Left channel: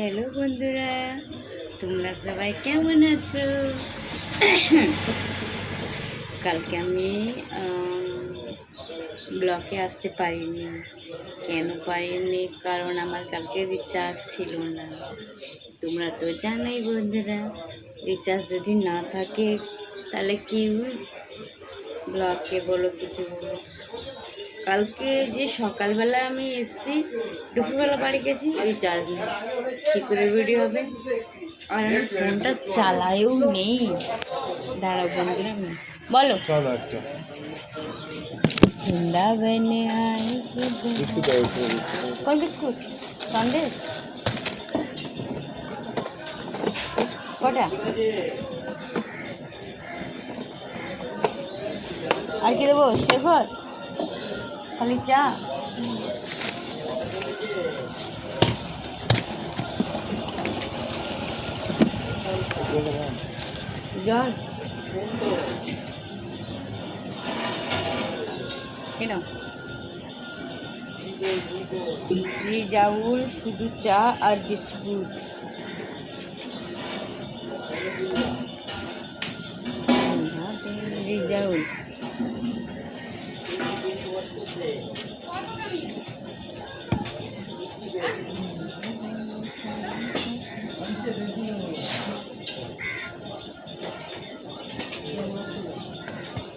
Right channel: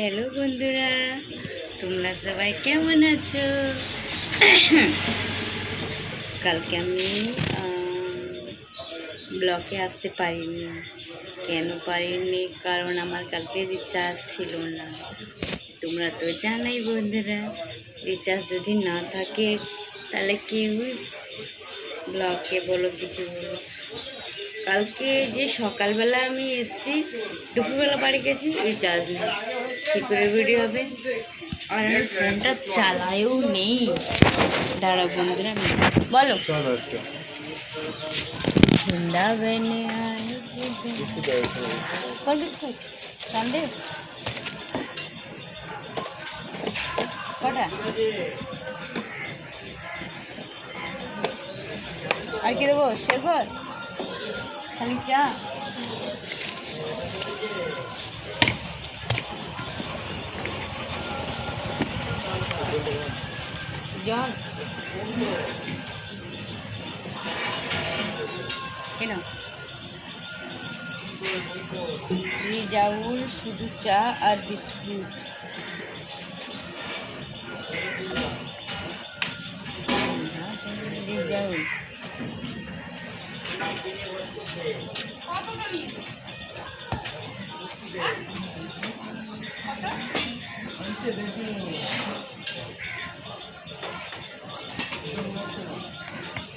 Hello বন্ধুরা, তোমরা সবাই কেমন আছো? কালকে আমি ব্লকে আসতে পারিনি। কেন পারিনি? কারণ আমার কালকে রিচার্জ ছিল না। তোমরা তো জানাই বন্ধুরা, রিচার্জ যদি না থাকে তাহলে কেউ ব্লকে বলো কিছু বলো। কালকে যে সকালবেলা আমি এসেছি, দুপুরবেলা বাড়ি গেছি, রিচার্জ নেই। কী করে ভিডিও হবে? আর আমি ফোনটা চালায়ও নেই। দাঁড়াও বন্ধুরা, আমি বলো। বৃন্দাবনে কোন বিস্কুট? সন্দেশ কটা? আর কি দেবো? শেখর খালি চা? জন কেন? রিজাউল শুধু চা আর বিস্কুট। রিজাউল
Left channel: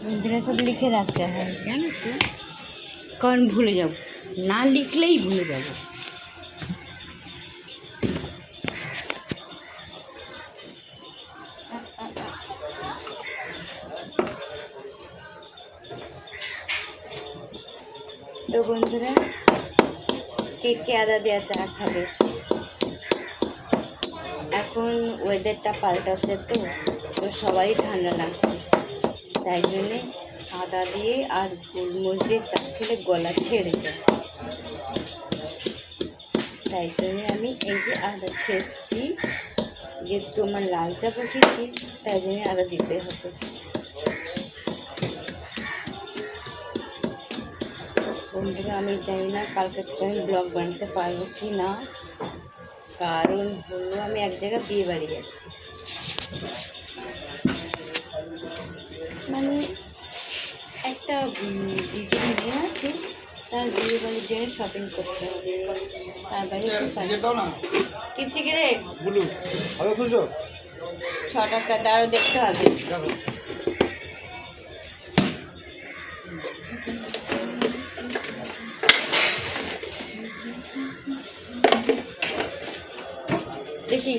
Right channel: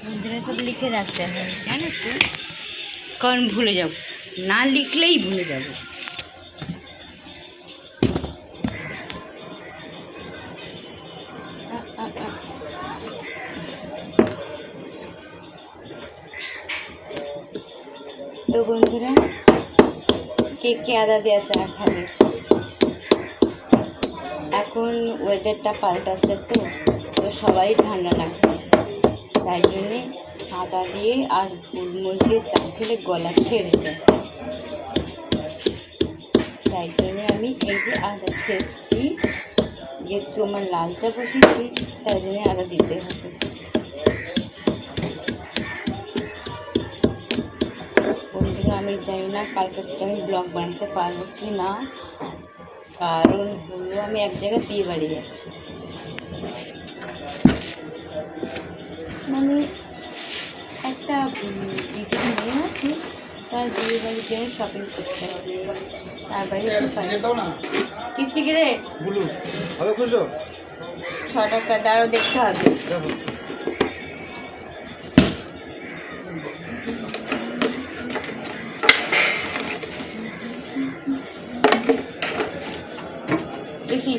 বন্ধুরা সব লিখে রাখতে হয়, জানো তো, কারণ ভুলে যাব, না লিখলেই ভুলে যাব। তো বন্ধুরা, কে কে আদা দেওয়া চা খাবে? এখন ওয়েদারটা পাল্টাচ্ছে, তো সবাই ঠান্ডা লাগছে, তাই জন্যে আদা দিয়ে আর গোলমরিচ দিয়ে চা খেলে গলা ছেড়ে যায়। তাই জন্যে আমি এই যে আদা ছেড়েছি, যেহেতু আমার লাল চা বসিয়েছি, তাই জন্যে আদা দিতে হবে। বন্ধুরা, আমি জানি না কালকে থেকে আমি ব্লগ বানাতে পারবো কি না, কারণ হলো আমি এক জায়গায় বিয়ে বাড়ি যাচ্ছি। মানে একটা দিদির মেয়ে আছে, তার বিয়ে বাড়ি যেয়ে শপিং করতে হবে, তার বাইরে কি সিগারেট 6 টাকা দাঁড়ো, দেখতে হবে। দেখি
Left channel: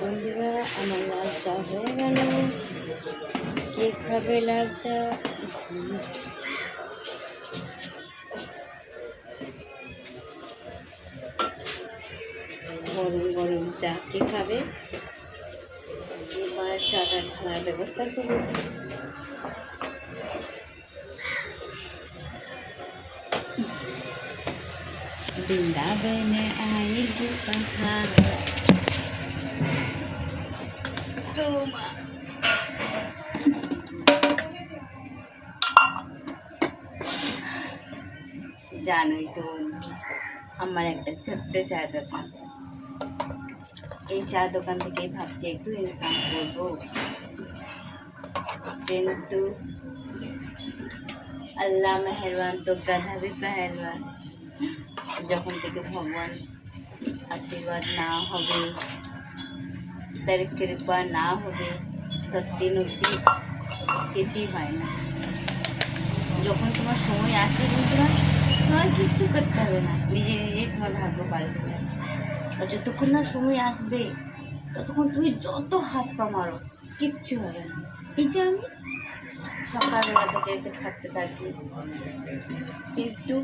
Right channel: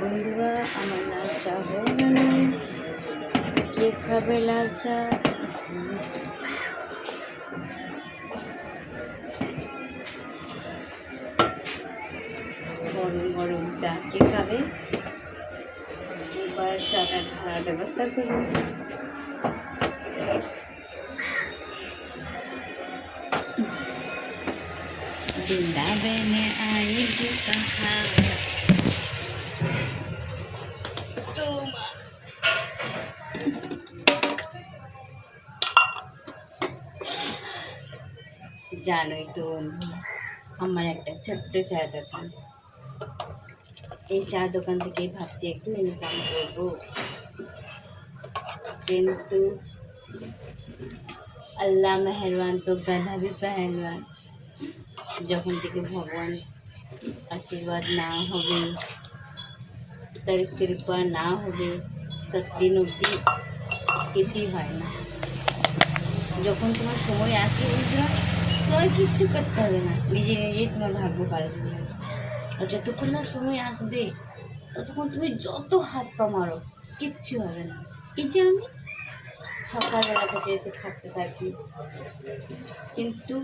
বন্ধুরা, আমার লাল চা হয়ে গেল। কে খাবে লাল চা? গরম গরম চা কে খাবে? এবার চাটা ঢালার ব্যবস্থা করুন। বৃন্দাবনে আएगी कहाँ জানোই তো আমার একটা ছোট্ট চা দোকান। এই চা দোকান থেকেই ভাবছি একটু ইনকাম করব, কিন্তু আল্লাহ মেহরবান তো গাধা भी पहलवान। যখন থেকে ভগবান আশীর্বাদ না হবে, তার কৃপা না হবে, ততদিন অবধি কিছুই হয় না। যখন তোমার সময় আসবে বন্ধুরা, তোমার কিচ্ছু করতে হবে না, নিজে নিজেই তোমার ভাগ্য পাল্টে যাবে। আর যতক্ষণ না সময় আসবে, ততক্ষণ তুমি যত হাত পা মারো, কিচ্ছু হবে না। এই যে আমি সকালবেলা থেকে এসে খাটতে থাকি, কিন্তু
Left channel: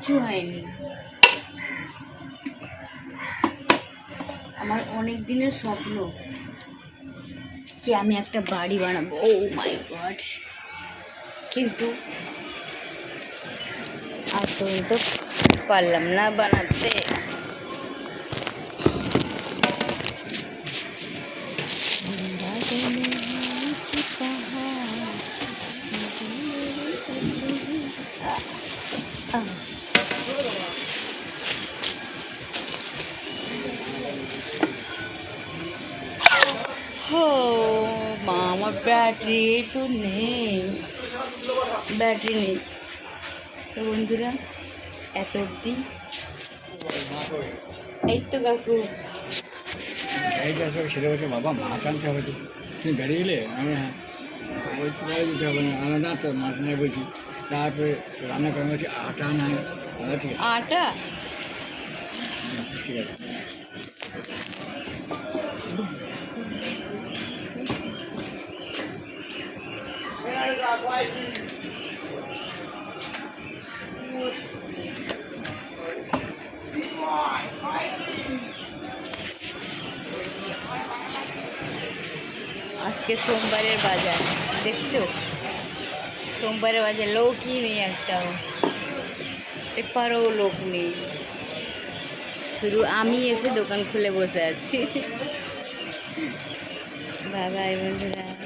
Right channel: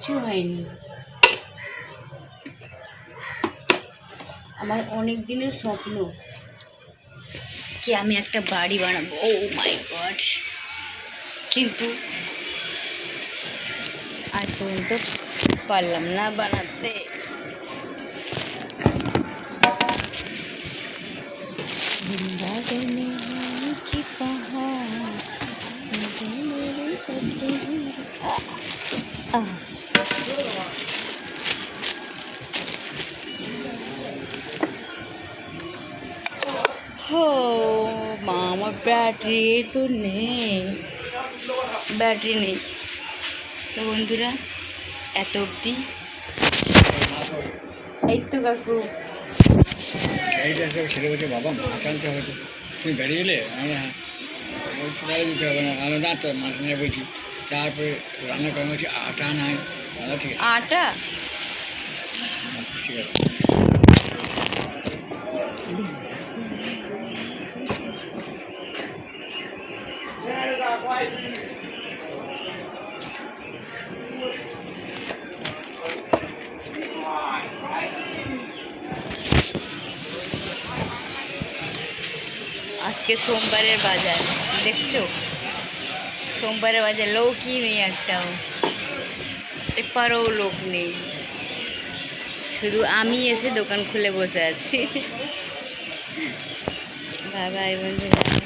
কিচ্ছু হয়নি। আমার অনেক দিনের স্বপ্ন কি আমি একটা বাড়ি বানাবো। ও মাই গড, কিন্তু আজ পর্যন্ত পারলাম না বানাতে। हो মা, আমার ব্যাটারি তো নেই, ব্যাটারি নেই। তো বন্ধুরা, এত অবধি। এই তো কাকু, এইটা ছেলে বলছে বাবা মাছ আনতে হয়েছে, তুমি বেরিয়ে এলে। আমি হ্যাঁ বলছি তাই দিতে হবে না, আমি না তো মাছ নেই বলছি। তারপরে রান্না করে বলছি আটা নাই। ঠিক আছে, আটা ঠিক আছে। আজকে সোমবারের বাজার দেখছো, সোমবারের বাজার লোকই নেই একটাও, এপারও লোক নেই, শুধু আমি এসে দোকান খুলে বসে আছি। বাই বাই বন্ধুরা।